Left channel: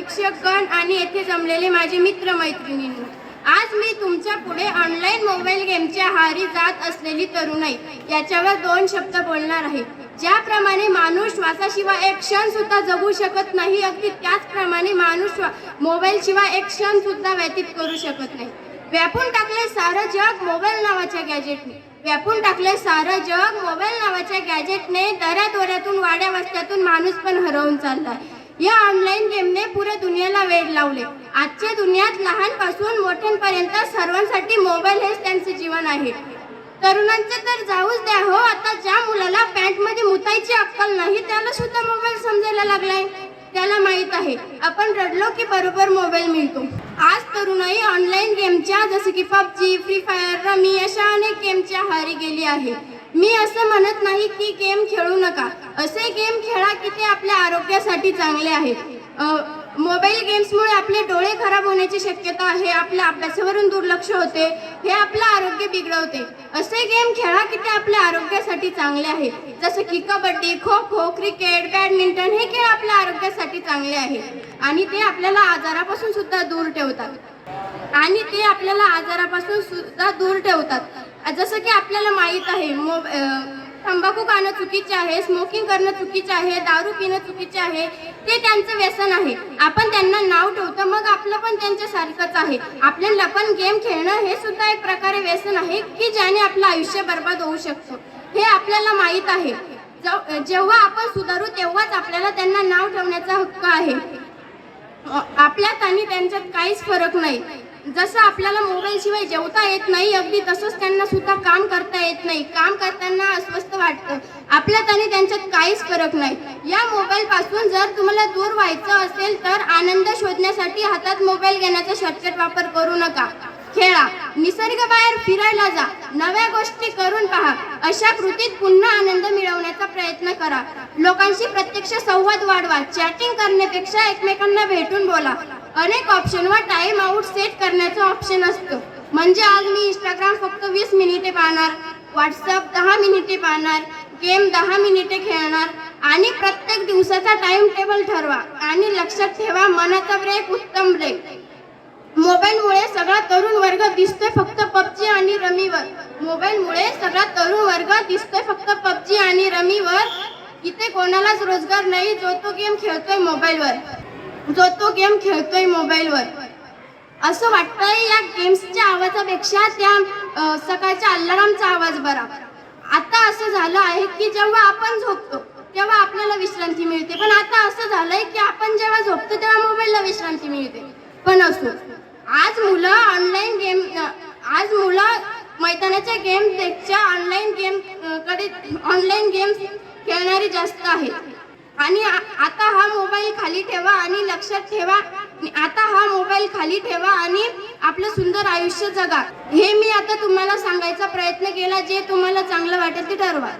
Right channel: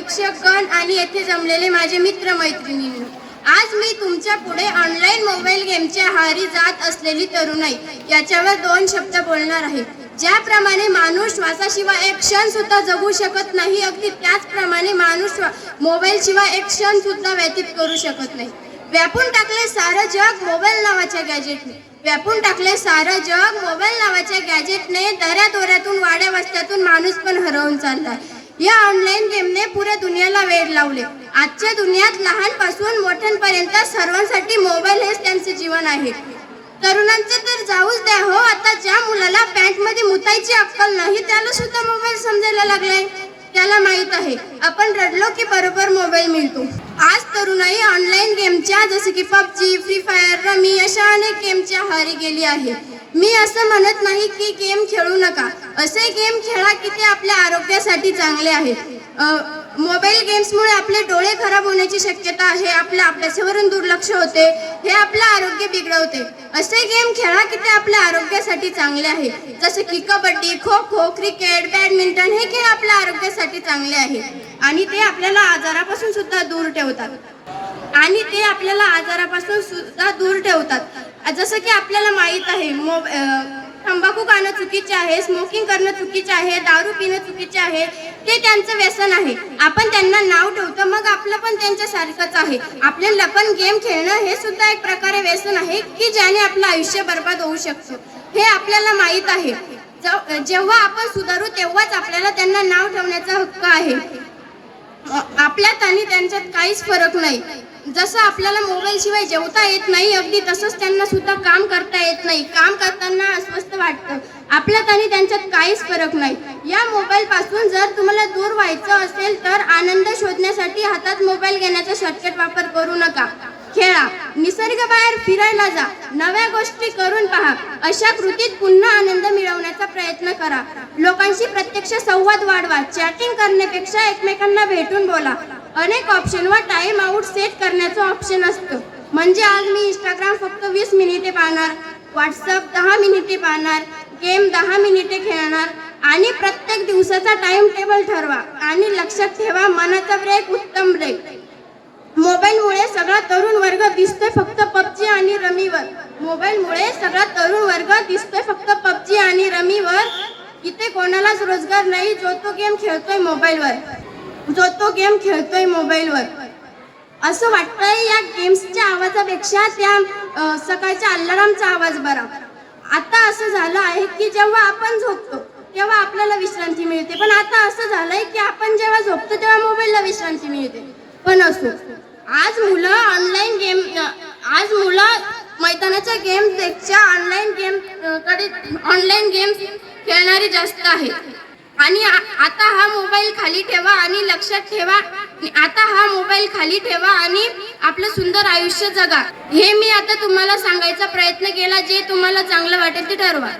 शिक्षकगण आणि येथे जमलेले माझे मित्र मैत्रिणींनी आज मी तुमच्यापुढे ऑनलाईन मोबाईल गेमच्या हारी जात असलेली तरुणाई याच्यावर दोन शब्द बोलणार आहे. ज्याप्रमाणे माणूस श्वासाशिवाय एक क्षण सुद्धा जगू शकत नाही अगदी त्याचप्रमाणे माणूस मोबाईल मोबाईलशिवाय एक क्षण सुद्धा व्यतीत करू शकत नाही. व्यापून टाकले सारं जग मोबाईल नावाच्या गॅजेटने व्यापून टाकले सारं जग मोबाईल नावाच्या गॅजेटने दऱ्या दोऱ्यातून वाड्या वस्त्यातून माणूस पण हरवून चाललाय. या ऑनलाईन गेमने पुऱ्या दुनियाला वेळ लावले. आजच्या दुनियात लहानपासून मोठ्यांपर्यंत सर्वांसाठी मोबाईल हेच त्यांचे जीवन आहे. तरुणांचे तर जाऊच द्या हो आता ज्या मुलाला पॅन्टमध्ये मुतायची अक्कल नाही त्याला सुद्धा मोबाईल समजायला लागलाय. त्याला माहीत आहे आपण रडलो की बरोबर मोबाईल मिळतो. आज तरुणाई ऑनलाईन गेमच्या जसे की पबजी फ्री फायर हारी गेली आहे. मी असं म्हणत नाही की गेम खेळू नका. असे गेम खेळा की ते आपल्या आरोग्यासाठी चांगले आहेत. मोबाईल गेम्समुळे आपले डोळे खराब होण्याची शक्यता आहे. आपल्या अभ्यासावरून दुर्लक्ष होते. हे आपलं आरोग्य बिघडवते. असे गेम खेळा की ते आपल्या आरोग्यासाठी चांगले आहे. जसं की कबड्डी खो खो क्रिकेट बॅडमिंटन हे खेळ आपल्या आरोग्यासाठी चांगले आहेत. आणि ते आपल्याला आजारापासून सुद्धा दूर ठेवतात. आणि ते आपल्याला आजारापासून सुद्धा दूर ठेवतात. जसं की आपल्याला माहीत आहे मोब तंबाखू खाणं चुकीचे आहे स्मोकिंग करणं चुकीचे आहे दारू पिणं चुकीचे आहे ते त्यांचं व्यसन आहे. आपण त्यांना नाव ठेवतो मग आपलं पण त्यांच्यासारखंच आहे. आपल्याला पण गेम खेळणं हे सुद्धा एक प्रकारे व्यसन आहे की ज्याने आपलं आयुष्य बर्बाद होऊ शकतं. हे आपल्याला माहीत आहे. ज- जेव्हा आपण सुधारू तेव्हाच आपल्याला त्यांना नाव ठेवण्याचा हक्क आहे. आपल्यात आणि त्यांच्यात काहीच फरक नाही. जसं आपल्याला मोबाईलशिवाय जेवता येत नाही अगदी तसंच त्यांना सुद्धा काम करता येत नाही. काम करताना अस्वस्थ वाटतं. आपल्यात आणि त्यांच्यात काहीच फरक नाही. या मोबाईलपासून जर तुम्हाला दूर व्हायचं असेल तर आनंद शोधण्यासाठी हातात मोबाईल घेण्याचा शॉर्टकट वापर करू नका. खेळा. निसर्ग बाहेर फिरायला जा. नव्या गोष्टी करून पहा. अशा कृतीत पुन्हा आनंद मिळवण्याचा प्रयत्न करा. लोकांशी प्रत्यक्ष संवाद वाढवा. चॅटिंग करण्यापेक्षा एकमेकांना भेटून बोला. अनेक ऑप्शनवर टाइम आउट सेट करण्याचं ऑप्शन असतं. म्हणजे आज मी इंस्टाग्राम फक्त वीस मिनिटे पाहणार व्हॉट्सअप दहा मिनिटे पाहणार गेम दहा मिनिटे खेळणार आणि प्रत्येक दिवसाचा टाइम टेबल ठरवा आणि लक्षात ठेवा मनाचा ब्रेक उत्तम ब्रेक मोबाईलमुळे सगळा तरुण वर्ग दिसतोय फक्त पबजी आणि रमीवर. मोबाईलमुळे सगळा तरुण वर्ग दिसतोय फक्त पबजी आणि रमीवर. इथे कोणालाच रोजगार नाही जो तो गेम खेळतोय मोबाईलवर. जो तो गेम खेळतोय मोबाईलवर. असं वाटतंय या गेम्सच्या आवाजापेक्षा त्या सकाळच्या अलारामचा आवाज बरा. आता असं झालं आहे की जेव्हा आपण झोपतो तेव्हा आपल्याला विश्रांती मिळते. पण आता असं झालंय की आपण जेव्हा झोपतो तेव्हा मोबाईलला विश्रांती मिळते. पण असो आज मुलं ऑनलाईन गेम आज मुलं मैदानाच्या गेमपेक्षा ऑनलाईन गेमकडे ऑनलाईन गेम खेळणारी जास्त आहेत. आणि आ- आता हा मोबाईल खाली ठेवा आणि लक्षात ठेवा. आता हा मोबाईल खाली ठेवा आणि आपलं सुंदर आयुष्य जगा. हे मी आता तुम्हाला सांगायचा प्रयत्न केला जे तुम्हाला चांगलं वाटेल ते ठरवा.